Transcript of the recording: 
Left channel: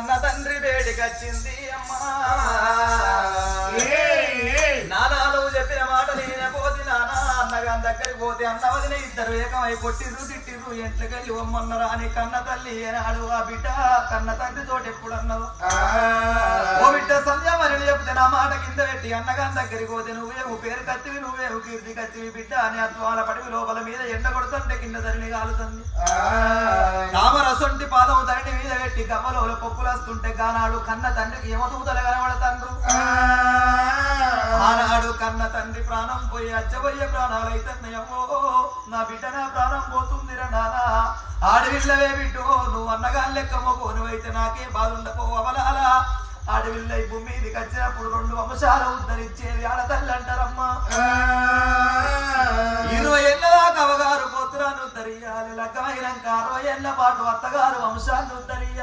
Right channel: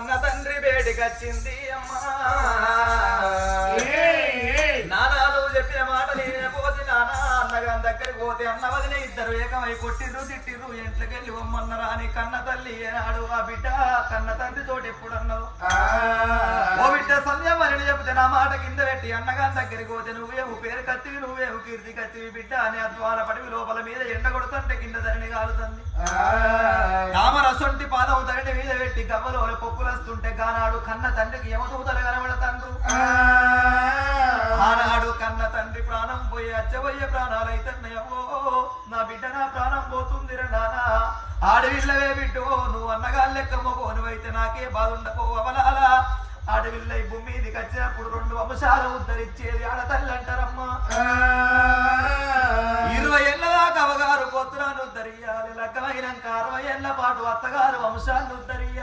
కన్న తండ్రి బేటికొచ్చింది అమ్మా నానా నువ్వు చెప్పిన మాట నేనే పోతే నానా అన్నగా దగ్గరికి పోతే అన్న వదిన ఇద్దరు ఏకమై కొట్టిర్రు తిట్టిర్రు ఎంట్లకెళ్ళి వమ్మన్నరా అని కన్న తల్లి ఏనాడు ఆ బిడ్డ కన్న తండ్రితోటి ఎప్పుడు అన్నవు ఓ బిడ్డ సంధ్యామని చెప్తే నా మాట కింద పెట్టి అన్నగా దగ్గరికి పోతే నువ్వేవు పేరు కత్తివి నువ్వేవు కీర్తి కత్తివి బిడ్డ అని అద్వాల పడివి లోపల మీద ఎండ కొడుతుంటే కింద ధరణి కాలుతుంది తామరసొంటి పాదం ధరణి మీద పెట్టి గవ్వలో పొక్కులస్తుంటే గానాడు కన్న తండ్రికి యమదూతలు కనబడతాండ్రు ఆనాడు కన్న తండ్రి ప్రాణం పోయి అచ్చబోయే ప్రాణాలు అయితేనయ్యమ్మో నా బిడ్డ నా ప్రాణం పోతుందిరా నానా ఆడవిల్లవే బిడ్డో నువ్వు అన్నగా లెక్కమ్మకో నువ్వైతే నాకే బాధ ఉండపో అవలాలా ఆడవిల్ల ఈ భూమి మీదకి వచ్చినప్పుడు 2 వంశాలు ఉద్ధరించేది ఆడతల్లి అంటారమ్మా 20 ఏళ్ళ దాకా అవగారు గోత్రాన్ని ఉద్ధరియాలి లెక్కమైనాక 60 ఏళ్ళ పాటు అత్తగారు వంశాన్ని ఉద్ధరియాలి